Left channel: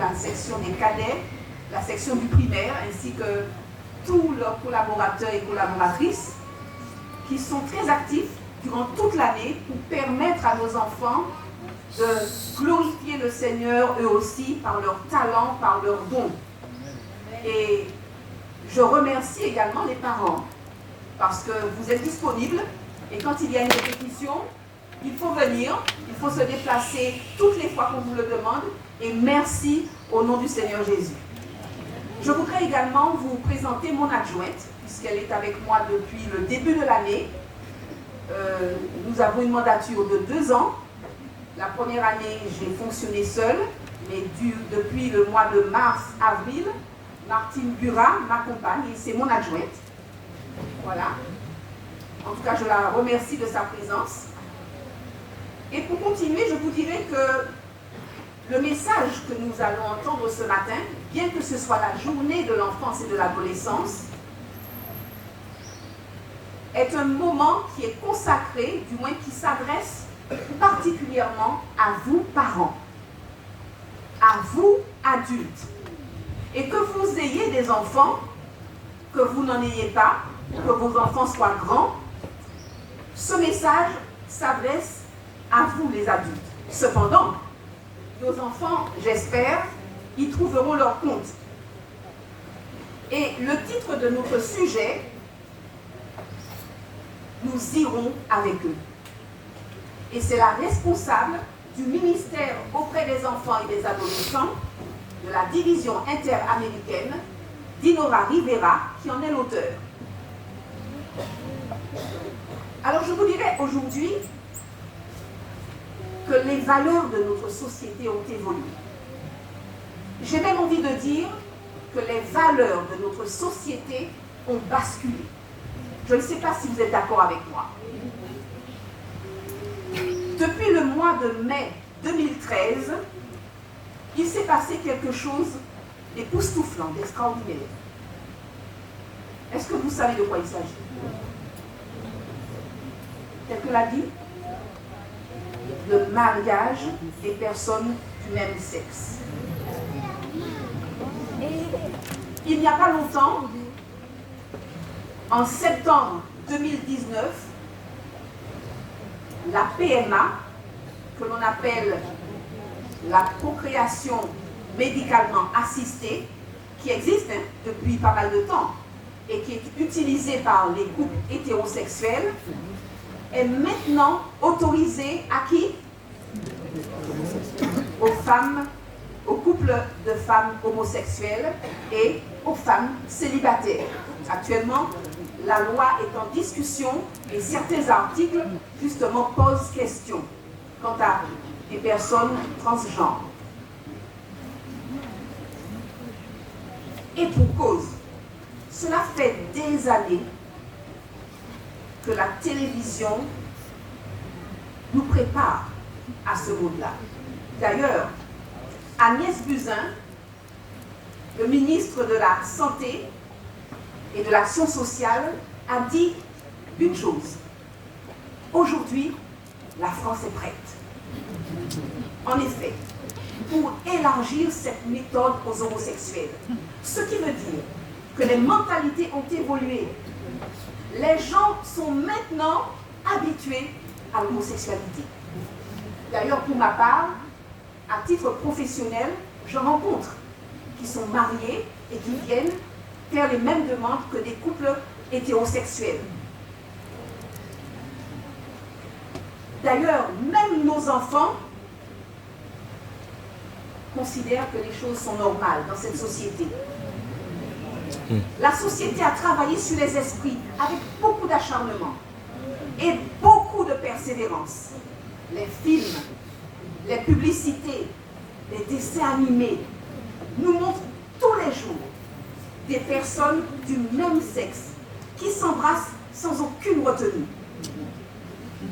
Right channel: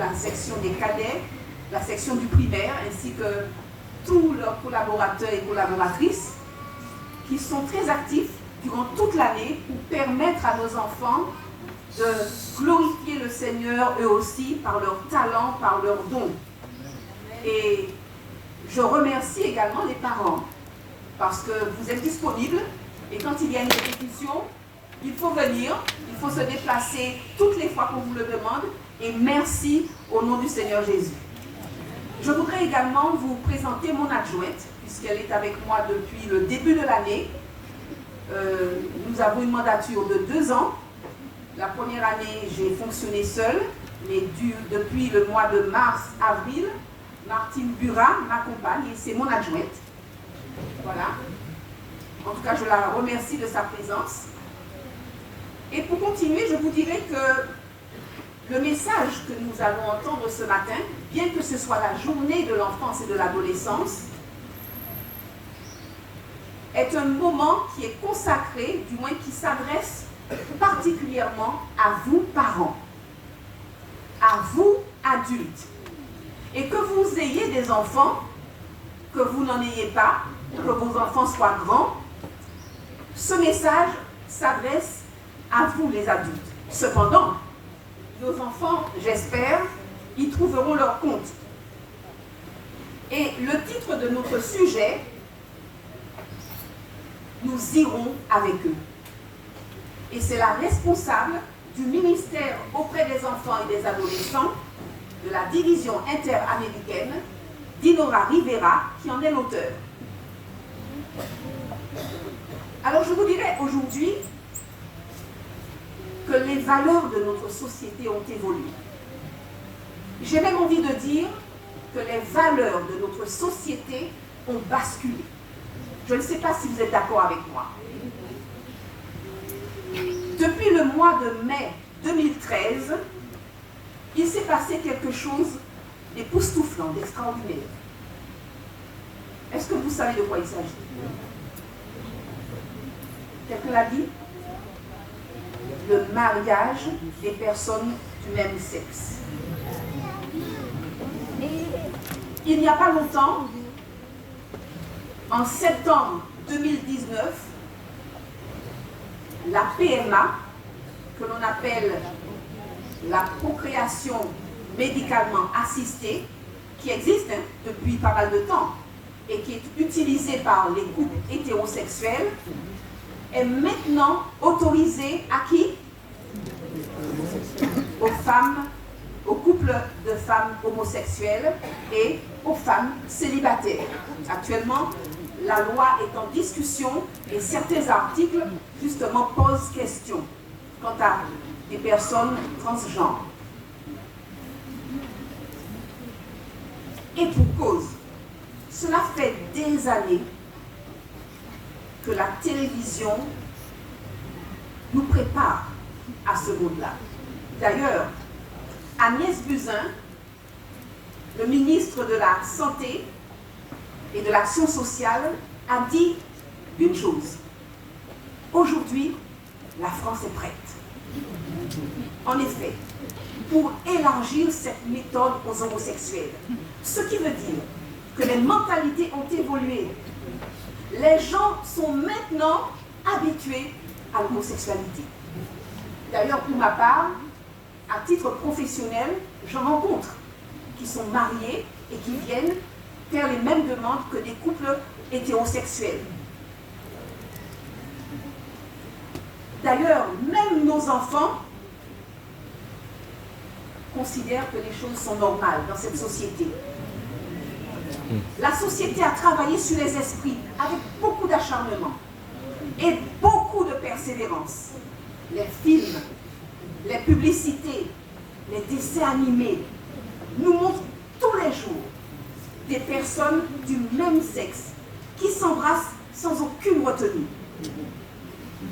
la section des cadets, la section du primaire, ainsi que tous leurs collaborateurs et collaboratrices qui sont très actifs durant toute l'année pour permettre à nos enfants de glorifier le Seigneur eux aussi par leur talent, par leurs dons. Et je remercie également les parents parce que vous êtes disponibles et quand il y a une répétition, il faut venir, il faut se déplacer toutes les fois qu'on vous le demande et merci au nom du Seigneur Jésus. Je voudrais également vous présenter mon adjointe puisqu'elle est avec moi depuis le début de l'année. Nous avons une mandature de 2 ans. La première année, j'ai fonctionné seule, mais depuis le mois de mars-avril, Martine Burat m'accompagne et c'est mon adjointe. Voilà. En tout cas, je la remercie de sa présence. Et pour continuer, je vous dirais que le message que nous allons entendre ce matin, bien que ce soit la journée de l'enfance et de l'adolescence, est un moment qui est consacré, du moins qui s'adresse particulièrement à vous parents, à vous adultes. Et que vous ayez des enfants, que vous n'en ayez pas, que vos enfants soient grands, ce message s'adresse à vous les adultes. Cependant, nos enfants, j'espère, y trouveront leur compte. Et le titre de notre sujet, nous irons avec eux. Et c'est la responsable du ministère auprès des enfants et des adolescents de la division interaméricaine, Dinora Rivera, qui en est l'auteur. Alors je vous dirais aujourd'hui que les valeurs de notre société ont évolué. J'ai même envie de dire que les valeurs de notre société ont basculé. Je ne sais pas si vous êtes d'accord avec moi. Depuis le mois de mai 2013, il s'est passé quelque chose d'époustouflant, d'extraordinaire. Est-ce que vous savez de quoi il s'agit? Quelqu'un l'a dit? Le mariage des personnes du même sexe. Il n'y a pas longtemps, en septembre 2019, la PMA, que l'on appelle la procréation médicalement assistée, qui existe depuis pas mal de temps et qui est utilisée par les couples hétérosexuels, est maintenant autorisée à qui? Aux femmes, aux couples de femmes homosexuelles et aux femmes célibataires. Actuellement, la loi est en discussion et certains articles, justement, posent question quant à des personnes transgenres. Et pour cause, cela fait des années que la télévision nous prépare à ce monde-là. D'ailleurs, Agnès Buzyn, le ministre de la Santé et de l'Action sociale, a dit une chose. Aujourd'hui, la France est prête. En effet, pour élargir cette méthode aux homosexuels. Ce qui veut dire que les mentalités ont évolué. Les gens sont maintenant habitués à l'homosexualité. D'ailleurs, pour ma part, à titre professionnel, j'en rencontre qui sont mariés et qui viennent faire les mêmes demandes que des couples hétérosexuels. D'ailleurs, même nos enfants considèrent que les choses sont normales dans cette société. La société a travaillé sur les esprits avec beaucoup d'acharnement et beaucoup de persévérance. Les films, les publicités, les dessins animés nous montrent tous les jours des personnes du même sexe qui s'embrassent sans aucune retenue.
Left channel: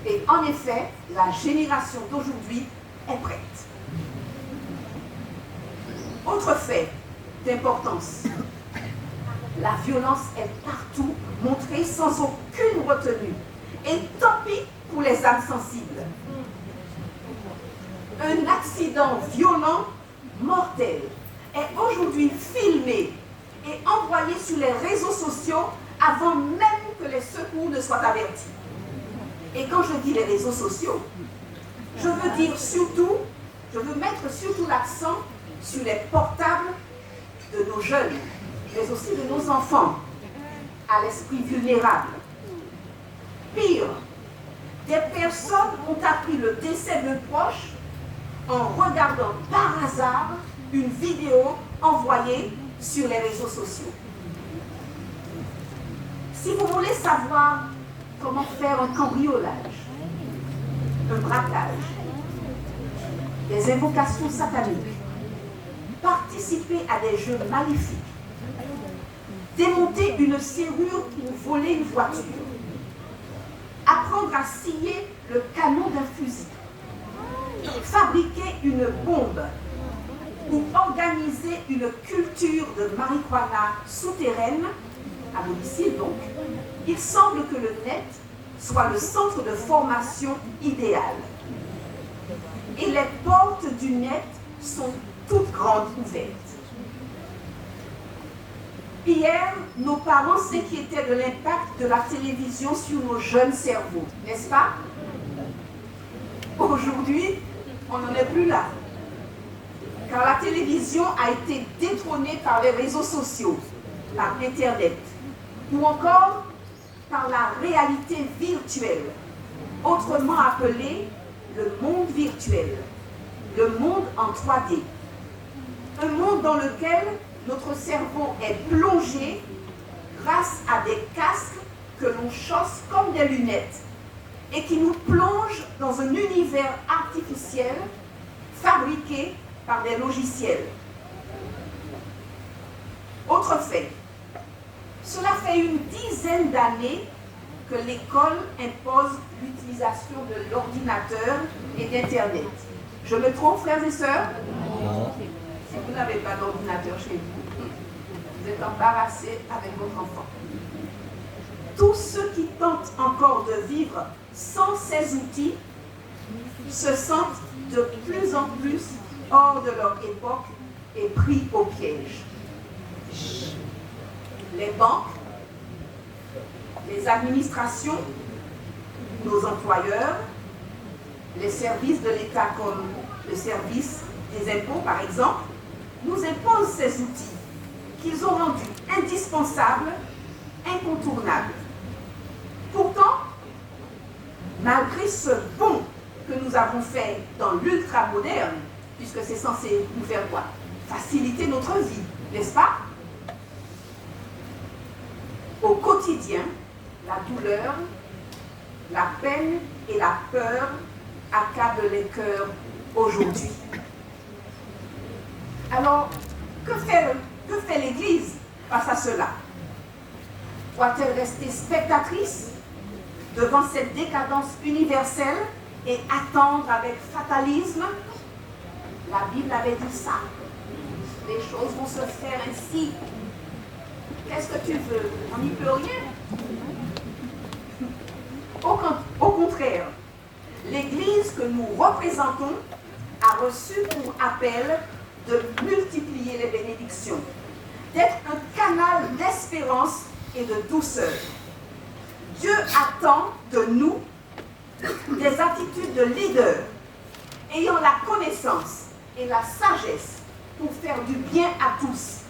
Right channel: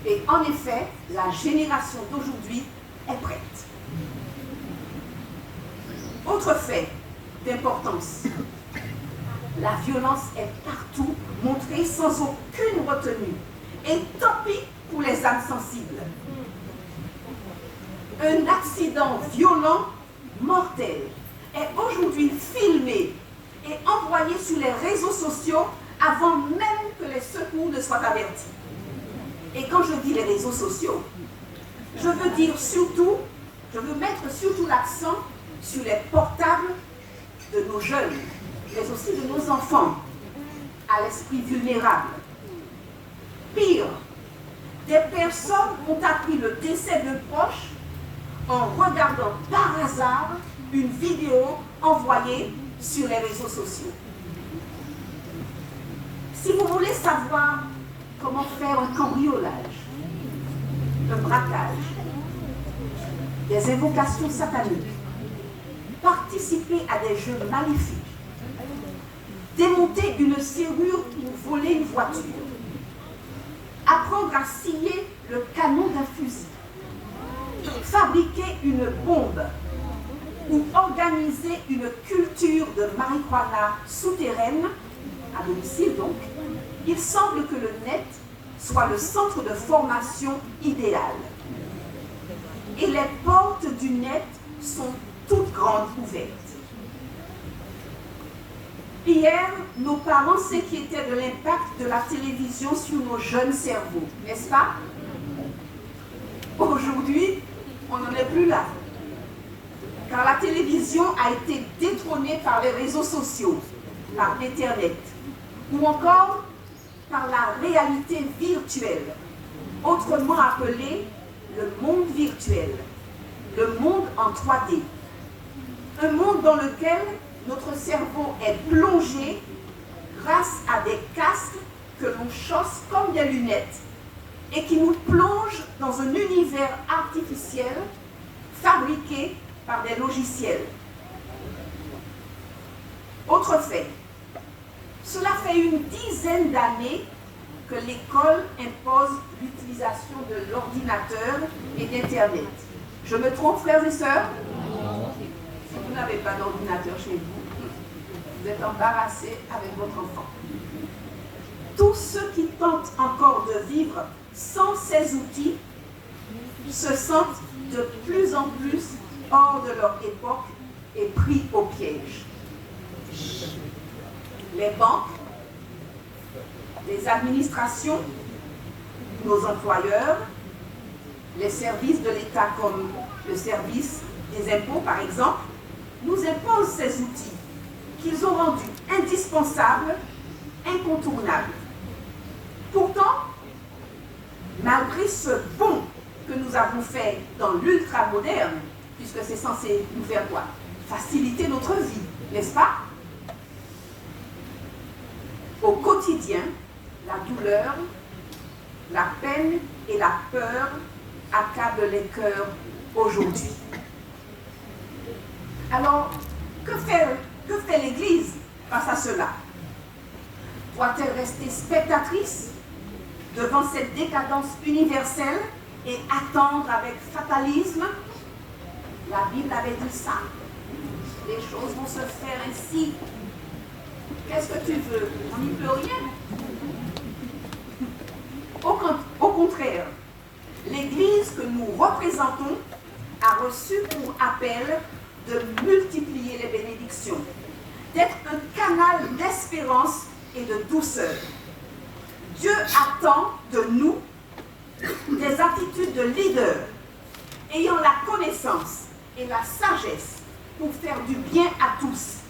Et en effet, la génération d'aujourd'hui est prête. Autre fait d'importance, la violence est partout montrée sans aucune retenue. Et tant pis pour les âmes sensibles. Un accident violent mortel est aujourd'hui filmé et envoyé sur les réseaux sociaux avant même que les secours ne soient avertis. Et quand je dis les réseaux sociaux, je veux mettre surtout l'accent sur les portables de nos jeunes, mais aussi de nos enfants, à l'esprit vulnérable. Pire, des personnes ont appris le décès d'un proche en regardant par hasard une vidéo envoyée sur les réseaux sociaux. Si vous voulez savoir comment faire un cambriolage, un braquage, des invocations sataniques, participer à des jeux maléfiques, démonter une serrure ou voler une voiture, apprendre à scier le canon d'un fusil, fabriquer une bombe ou organiser une culture de marijuana souterraine, à domicile donc, il semble que le net soit le centre de formation idéal. Et les portes du net sont toutes grandes ouvertes. Hier, nos parents s'inquiétaient de l'impact de la télévision sur nos jeunes cerveaux, n'est-ce pas? Aujourd'hui, on n'en est plus là. Car la télévision a été détrônée par les réseaux sociaux, par Internet, ou encore par la réalité virtuelle, autrement appelée le monde virtuel, le monde en 3D. Un monde dans lequel notre cerveau est plongé grâce à des casques que l'on chausse comme des lunettes et qui nous plongent dans un univers artificiel fabriqué par des logiciels. Autre fait, cela fait une dizaine d'années que l'école impose l'utilisation de l'ordinateur et d'Internet. Je me trompe, frères et sœurs? Si vous n'avez pas d'ordinateur chez vous, vous êtes embarrassé avec votre enfant. Tous ceux qui tentent encore de vivre sans ces outils se sentent de plus en plus hors de leur époque et pris au piège. Les banques, les administrations, nos employeurs, les services de l'État comme le service des impôts par exemple, nous imposent ces outils qu'ils ont rendus indispensables, incontournables. Pourtant, malgré ce bond que nous avons fait dans l'ultra-moderne, puisque c'est censé nous faire quoi? Faciliter notre vie, n'est-ce pas? Au quotidien, la douleur, la peine et la peur accablent les cœurs aujourd'hui. Alors, que fait l'Église face à cela? Doit-elle rester spectatrice devant cette décadence universelle et attendre avec fatalisme? La Bible avait dit ça. Les choses vont se faire ainsi. Qu'est-ce que tu veux? On n'y peut rien. Au contraire, l'Église que nous représentons a reçu pour appel de multiplier les bénédictions, d'être un canal d'espérance et de douceur. Dieu attend de nous des attitudes de leader, ayant la connaissance et la sagesse pour faire du bien à tous,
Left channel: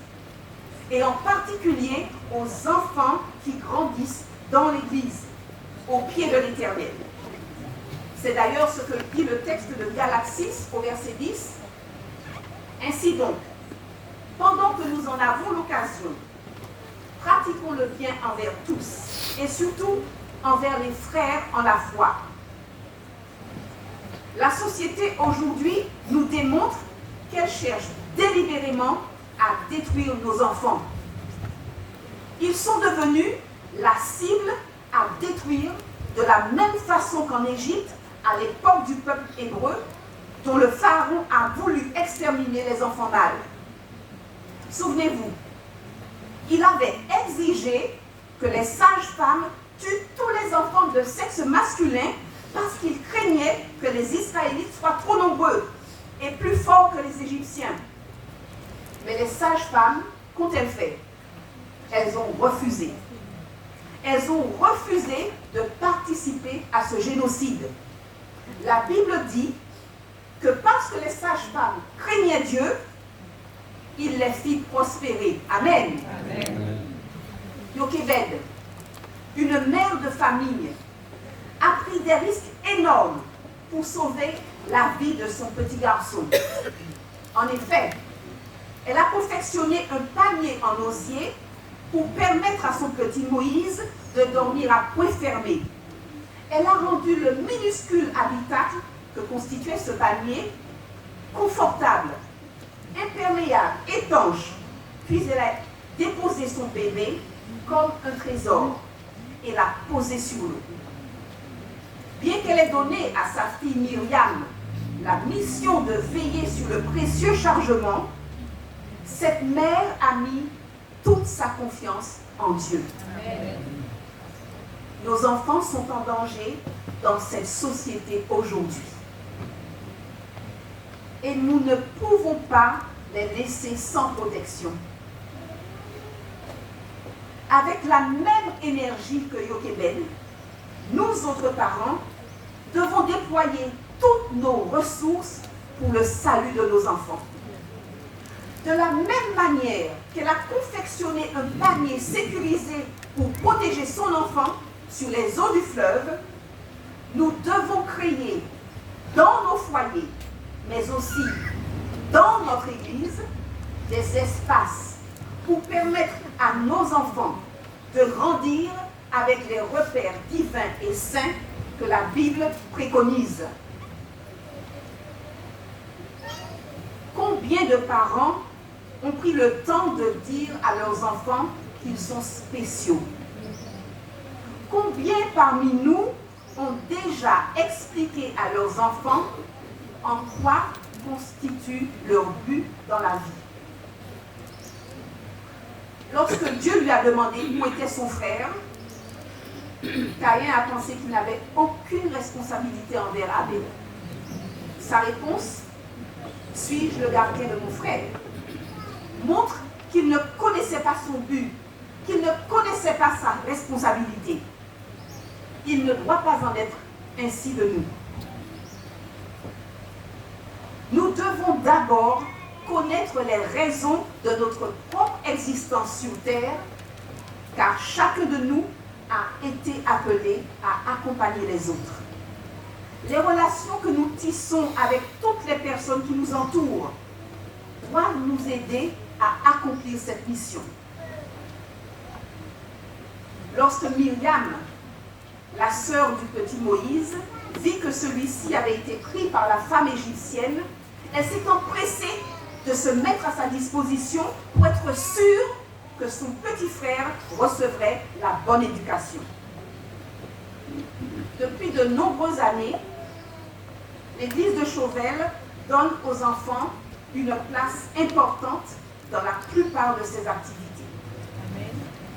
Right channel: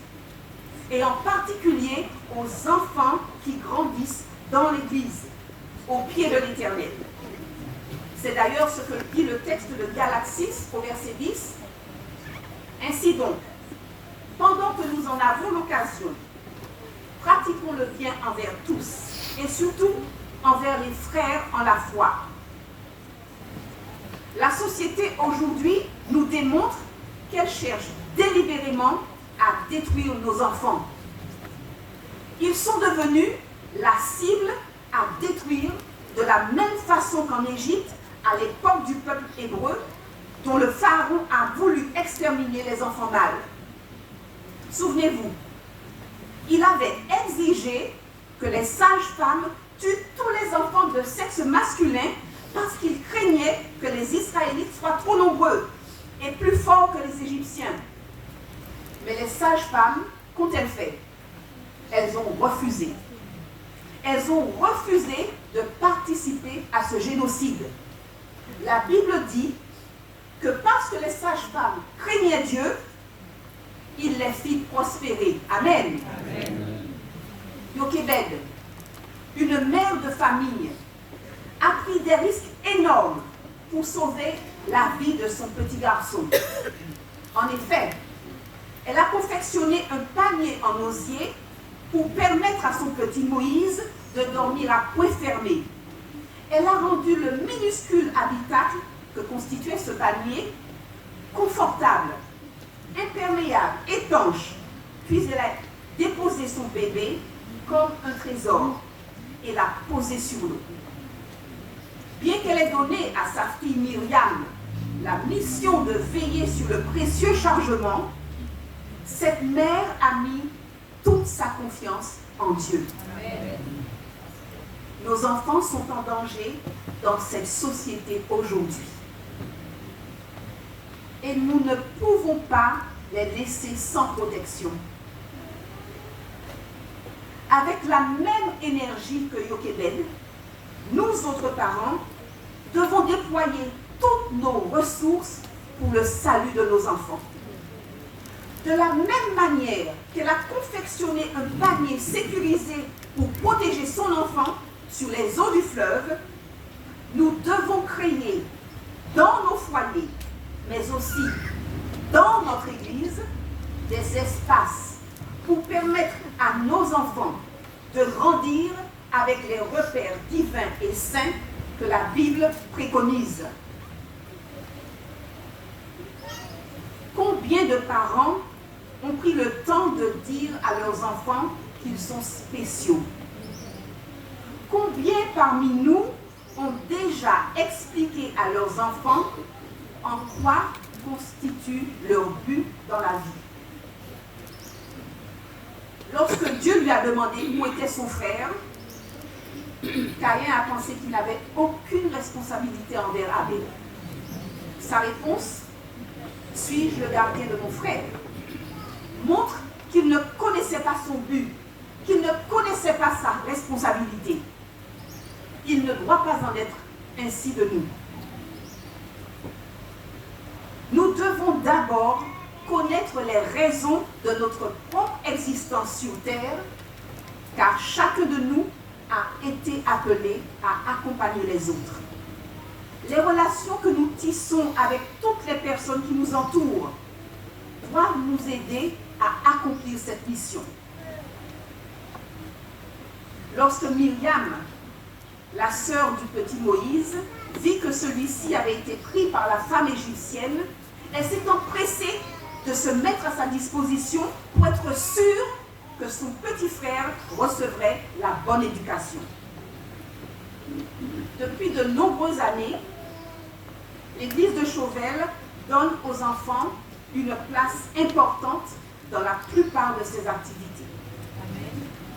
et en particulier aux enfants qui grandissent dans l'Église, au pied de l'Éternel. C'est d'ailleurs ce que dit le texte de Galates 6 au verset 10. Ainsi donc, pendant que nous en avons l'occasion, pratiquons le bien envers tous, et surtout envers les frères en la foi. La société aujourd'hui nous démontre qu'elle cherche délibérément à détruire nos enfants. Ils sont devenus la cible à détruire de la même façon qu'en Égypte, à l'époque du peuple hébreu, dont le pharaon a voulu exterminer les enfants mâles. Souvenez-vous, il avait exigé que les sages-femmes tuent tous les enfants de sexe masculin parce qu'il craignait que les Israélites soient trop nombreux et plus forts que les Égyptiens. Mais les sages-femmes, qu'ont-elles fait? Elles ont refusé. Elles ont refusé de participer à ce génocide. La Bible dit que parce que les sages-femmes craignaient Dieu, il les fit prospérer. Amen. Amen. Jochebed, une mère de famille, a pris des risques énormes pour sauver la vie de son petit garçon. En effet, elle a confectionné un panier en osier pour permettre à son petit Moïse de dormir à coin fermé. Elle a rendu le minuscule habitacle que constituait ce panier confortable, imperméable, étanche. Puis elle a déposé son bébé comme un trésor et l'a posé sur l'eau. Bien qu'elle ait donné à sa fille Myriam la mission de veiller sur le précieux chargement, cette mère a mis toute sa confiance en Dieu. Amen. Nos enfants sont en danger dans cette société aujourd'hui. Et nous ne pouvons pas les laisser sans protection. Avec la même énergie que Jochebed, nous autres parents devons déployer toutes nos ressources pour le salut de nos enfants. De la même manière qu'elle a confectionné un panier sécurisé pour protéger son enfant sur les eaux du fleuve, nous devons créer dans nos foyers, mais aussi dans notre Église, des espaces pour permettre à nos enfants de grandir avec les repères divins et saints que la Bible préconise. Combien de parents ont pris le temps de dire à leurs enfants qu'ils sont spéciaux? Combien parmi nous ont déjà expliqué à leurs enfants en quoi constitue leur but dans la vie? Lorsque Dieu lui a demandé où était son frère, Caïn a pensé qu'il n'avait aucune responsabilité envers Abel. Sa réponse, suis-je le gardien de mon frère, montre qu'il ne connaissait pas son but, qu'il ne connaissait pas sa responsabilité. Il ne doit pas en être ainsi de nous. Nous devons d'abord connaître les raisons de notre propre existence sur terre, car chacun de nous a été appelé à accompagner les autres. Les relations que nous tissons avec toutes les personnes qui nous entourent doivent nous aider à accomplir cette mission. Lorsque Myriam, la sœur du petit Moïse, vit que celui-ci avait été pris par la femme égyptienne, elle s'est empressée de se mettre à sa disposition pour être sûre que son petit frère recevrait la bonne éducation. Depuis de nombreuses années, l'Église de Chauvel donne aux enfants une place importante dans la plupart de ses activités.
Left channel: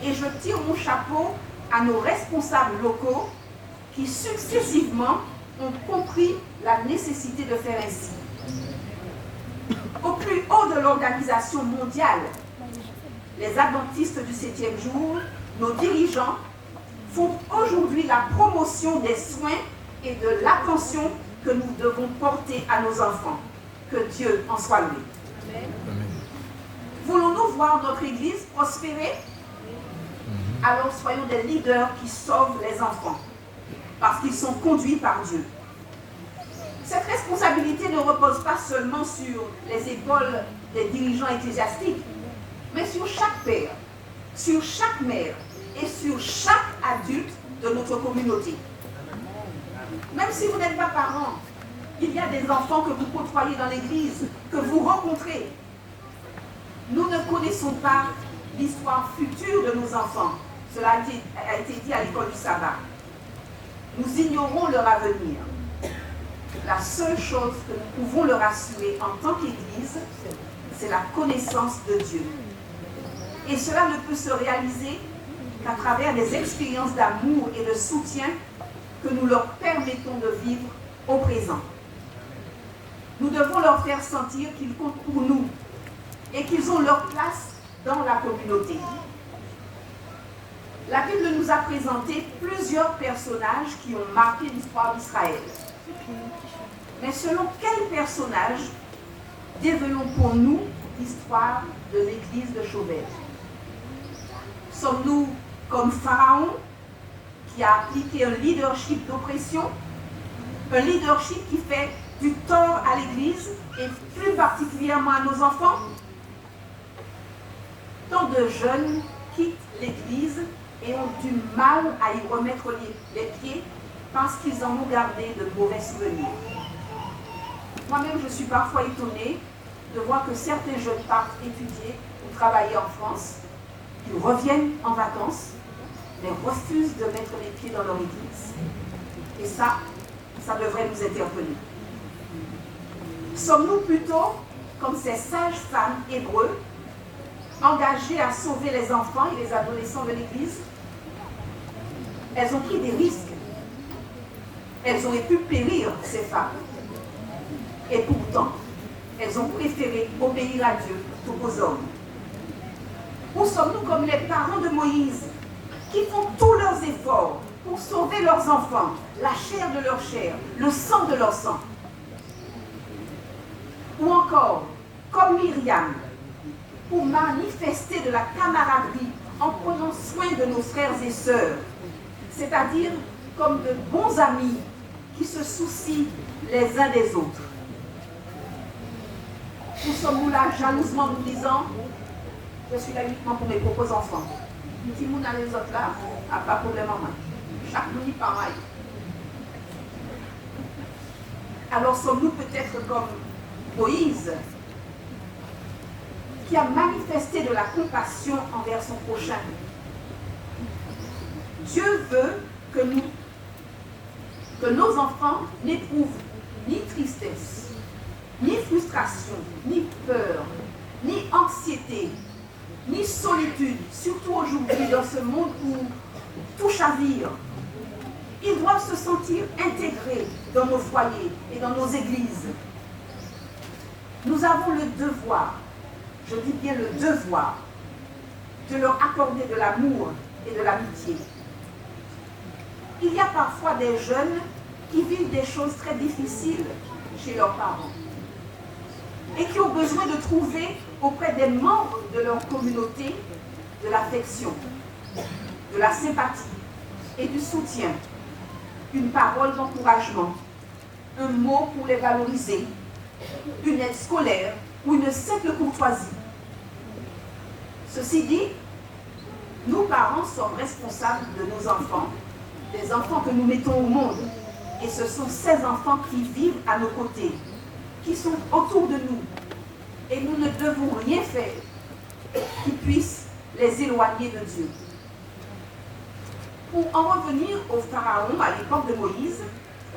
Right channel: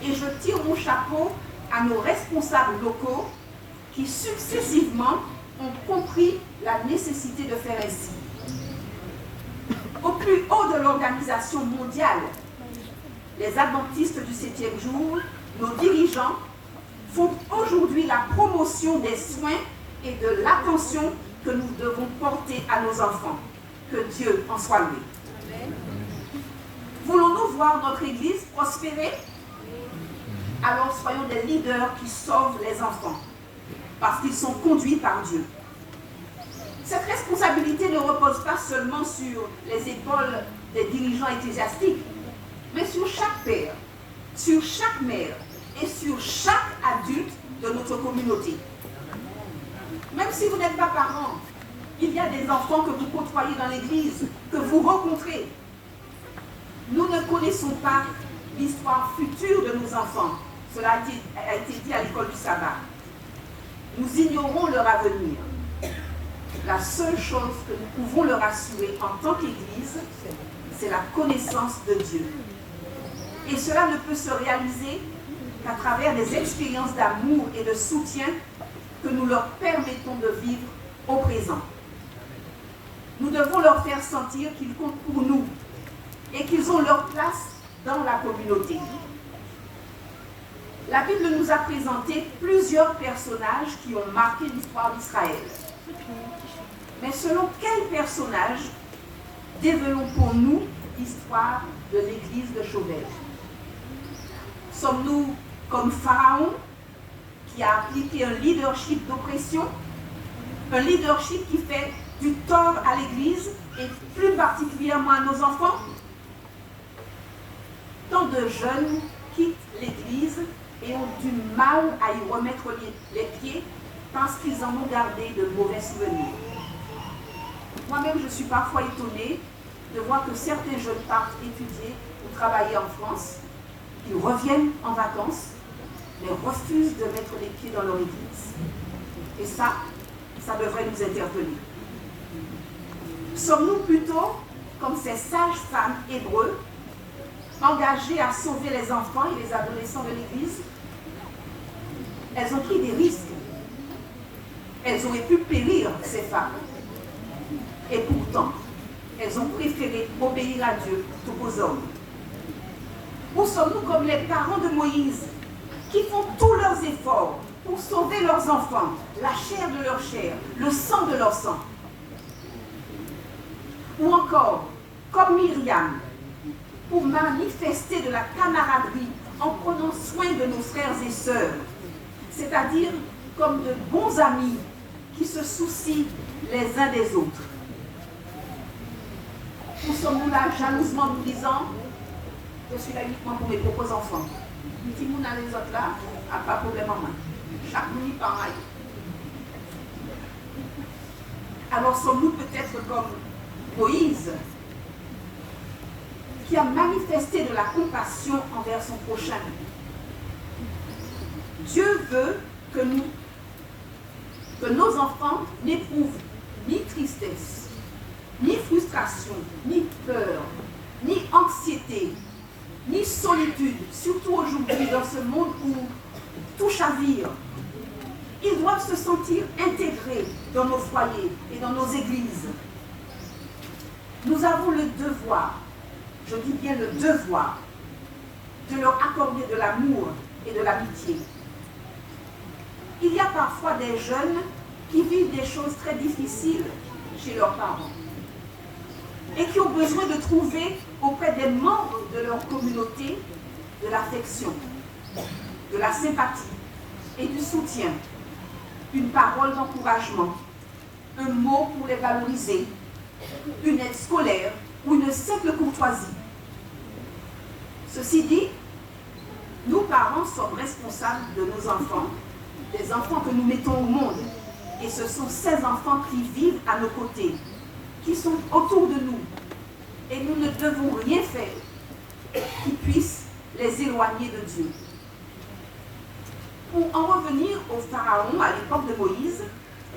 Et je tire mon chapeau à nos responsables locaux qui successivement ont compris la nécessité de faire ainsi. Au plus haut de l'organisation mondiale, les adventistes du 7e jour, nos dirigeants font aujourd'hui la promotion des soins et de l'attention que nous devons porter à nos enfants. Que Dieu en soit loué. Voulons-nous voir notre Église prospérer? Alors soyons des leaders qui sauvent les enfants, parce qu'ils sont conduits par Dieu. Cette responsabilité ne repose pas seulement sur les épaules des dirigeants ecclésiastiques, mais sur chaque père, sur chaque mère et sur chaque adulte de notre communauté. Même si vous n'êtes pas parents, il y a des enfants que vous côtoyez dans l'église, que vous rencontrez. Nous ne connaissons pas l'histoire future de nos enfants. Cela a été dit à l'école du sabbat. Nous ignorons leur avenir. La seule chose que nous pouvons leur assurer en tant qu'Église, c'est la connaissance de Dieu. Et cela ne peut se réaliser qu'à travers des expériences d'amour et de soutien que nous leur permettons de vivre au présent. Nous devons leur faire sentir qu'ils comptent pour nous et qu'ils ont leur place dans la communauté. La Bible nous a présenté plusieurs personnages qui ont marqué l'histoire d'Israël. Mais selon quel personnage développons pour nous l'histoire de l'église de Chauvel? Sommes-nous comme Pharaon, qui a appliqué un leadership d'oppression, un leadership qui fait du tort à l'église et plus particulièrement à nos enfants? Tant de jeunes quittent l'église et ont du mal à y remettre les pieds parce qu'ils en ont gardé de mauvais souvenirs. Moi-même, je suis parfois étonnée de voir que certains jeunes partent étudier ou travailler en France, qu'ils reviennent en vacances, mais refusent de mettre les pieds dans leur église. Et ça devrait nous interpeller. Sommes-nous plutôt comme ces sages femmes hébreux, engagées à sauver les enfants et les adolescents de l'église? Elles ont pris des risques. Elles auraient pu périr, ces femmes. Et pourtant, elles ont préféré obéir à Dieu plutôt qu'aux hommes. Ou sommes-nous comme les parents de Moïse, qui font tous leurs efforts pour sauver leurs enfants, la chair de leur chair, le sang de leur sang? Ou encore, comme Myriam, pour manifester de la camaraderie en prenant soin de nos frères et sœurs, c'est-à-dire comme de bons amis qui se soucient les uns des autres? Ou sommes-nous là jalousement nous disant, je suis là uniquement pour mes propres enfants? Si nous n'avons les autres là, à pas de problème en main. Chaque nuit pareil. Alors sommes-nous peut-être comme Moïse, qui a manifesté de la compassion envers son prochain? Dieu veut que nos enfants n'éprouvent ni tristesse, ni frustration, ni peur, ni anxiété, ni solitude, surtout aujourd'hui dans ce monde où tout chavire. Ils doivent se sentir intégrés dans nos foyers et dans nos églises. Nous avons le devoir, je dis bien le devoir, de leur accorder de l'amour et de l'amitié. Il y a parfois des jeunes qui vivent des choses très difficiles chez leurs parents et qui ont besoin de trouver auprès des membres de leur communauté de l'affection, de la sympathie et du soutien, une parole d'encouragement, un mot pour les valoriser, une aide scolaire ou une simple courtoisie. Ceci dit, nous parents sommes responsables de nos enfants, des enfants que nous mettons au monde, et ce sont ces enfants qui vivent à nos côtés, qui sont autour de nous, et nous ne devons rien faire qui puisse les éloigner de Dieu. Pour en revenir au Pharaon à l'époque de Moïse,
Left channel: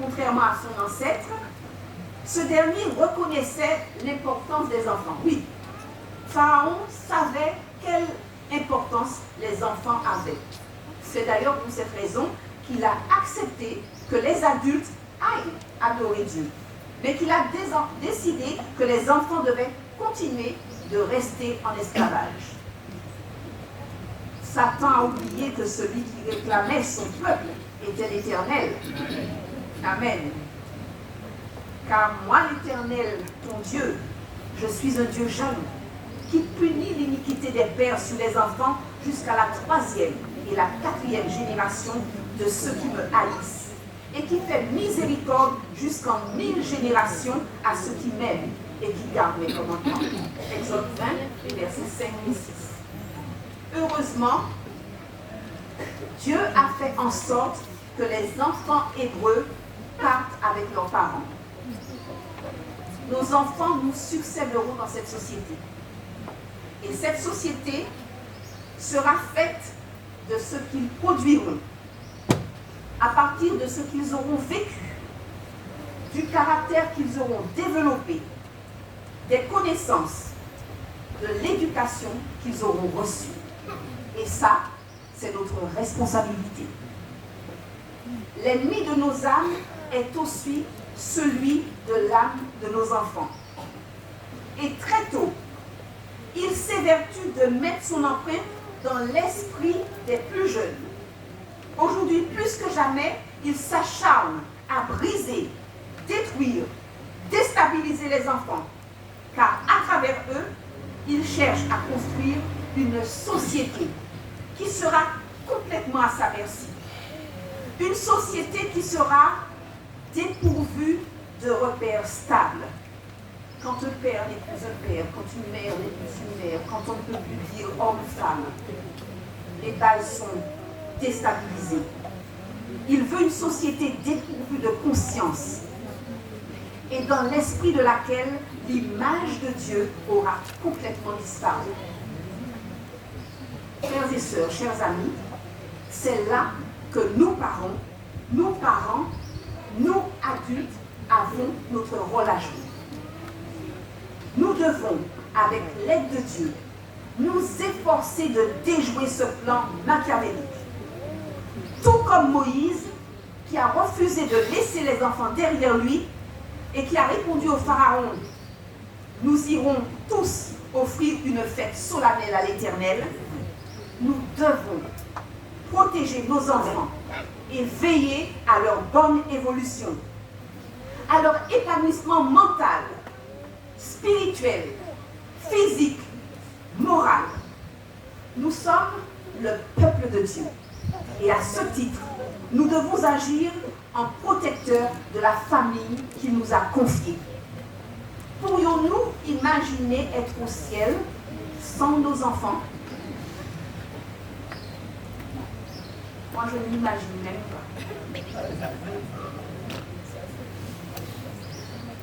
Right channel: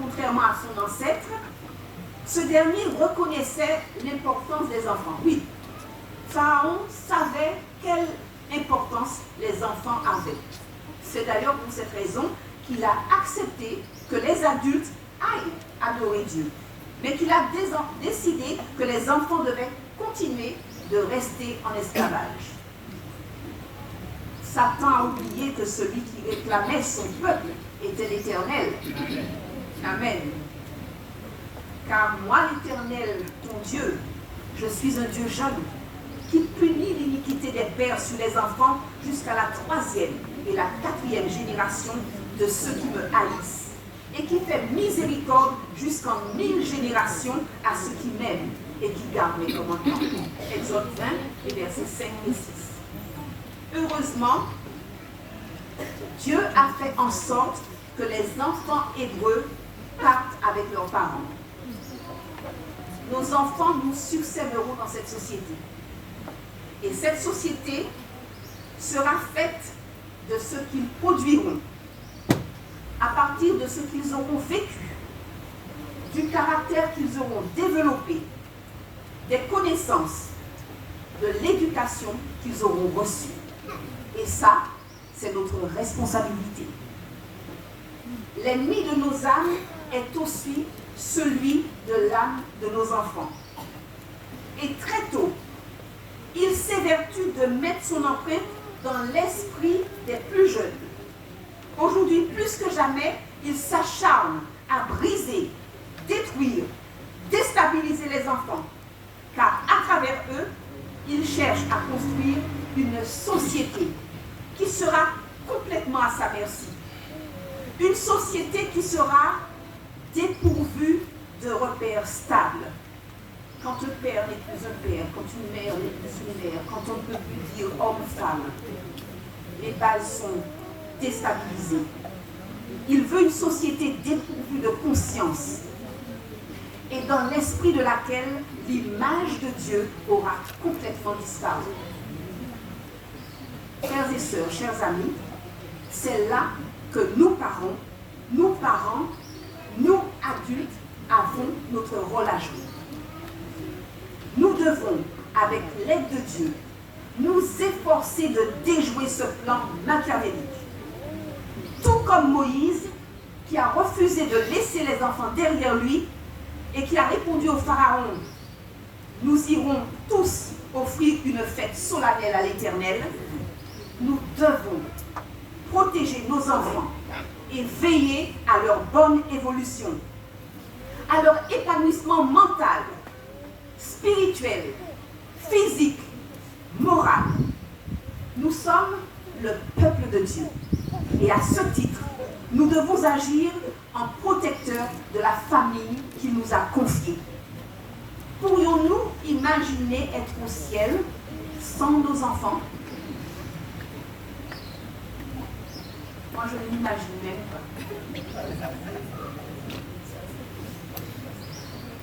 contrairement à son ancêtre, ce dernier reconnaissait l'importance des enfants. Oui, Pharaon savait quelle importance les enfants avaient. C'est d'ailleurs pour cette raison qu'il a accepté que les adultes aillent adorer Dieu, mais qu'il a décidé que les enfants devaient continuer de rester en esclavage. Satan a oublié que celui qui réclamait son peuple était l'Éternel. Amen. Car moi, l'Éternel, ton Dieu, je suis un Dieu jaloux, qui punit l'iniquité des pères sur les enfants jusqu'à la 3e et la 4e génération de ceux qui me haïssent, et qui fait miséricorde jusqu'en 1000 générations à ceux qui m'aiment et qui gardent mes commandements. Exode 20, les versets 5 et 6. Heureusement, Dieu a fait en sorte que les enfants hébreux partent avec leurs parents. Nos enfants nous succéderont dans cette société. Et cette société sera faite de ce qu'ils produiront, à partir de ce qu'ils auront vécu, du caractère qu'ils auront développé, des connaissances, de l'éducation qu'ils auront reçue. Et ça, c'est notre responsabilité. L'ennemi de nos âmes est aussi celui de l'âme de nos enfants. Et très tôt, il s'évertue de mettre son empreinte dans l'esprit des plus jeunes. Aujourd'hui, plus que jamais, il s'acharne à briser, détruire, déstabiliser les enfants, car à travers eux, il cherche à construire une société qui sera complètement à sa merci. Une société qui sera dépourvue de repères stables. Quand un père n'est plus un père, quand une mère n'est plus une mère, quand on ne peut plus dire homme-femme, les bases sont déstabilisées. Il veut une société dépourvue de conscience et dans l'esprit de laquelle l'image de Dieu aura complètement disparu. Frères et sœurs, chers amis, c'est là que nous parents, nous adultes, avons notre rôle à jouer. Nous devons, avec l'aide de Dieu, nous efforcer de déjouer ce plan machiavélique. Tout comme Moïse, qui a refusé de laisser les enfants derrière lui et qui a répondu au Pharaon, nous irons tous offrir une fête solennelle à l'Éternel. Nous devons protéger nos enfants et veiller à leur bonne évolution, à leur épanouissement mental, spirituel, physique, moral. Nous sommes le peuple de Dieu. Et à ce titre, nous devons agir en protecteurs de la famille qu'il nous a confiée. Pourrions-nous imaginer être au ciel sans nos enfants? Moi, je ne l'imagine même pas.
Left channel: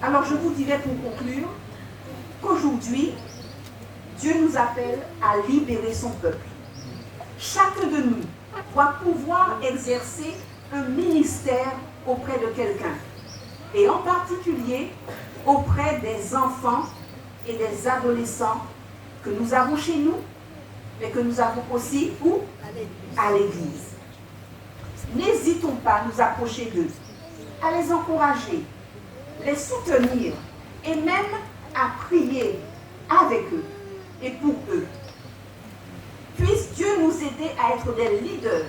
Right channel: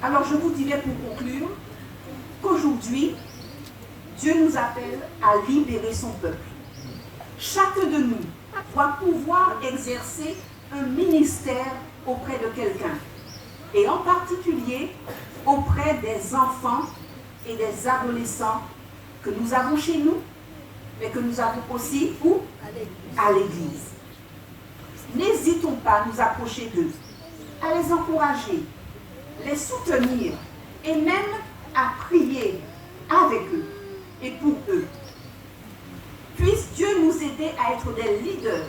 Alors, je vous dirais pour conclure qu'aujourd'hui, Dieu nous appelle à libérer son peuple. Chacun de nous doit pouvoir exercer un ministère auprès de quelqu'un, et en particulier auprès des enfants et des adolescents que nous avons chez nous, mais que nous avons aussi où? À l'église. N'hésitons pas à nous approcher d'eux, à les encourager, les soutenir et même à prier avec eux et pour eux. Puisse Dieu nous aider à être des leaders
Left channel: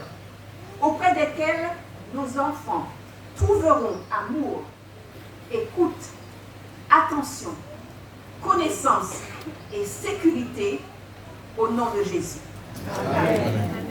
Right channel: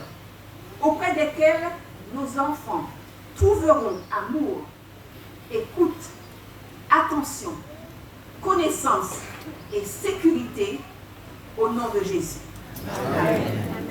auprès desquels nos enfants trouveront amour, écoute, attention, connaissance et sécurité au nom de Jésus. Amen.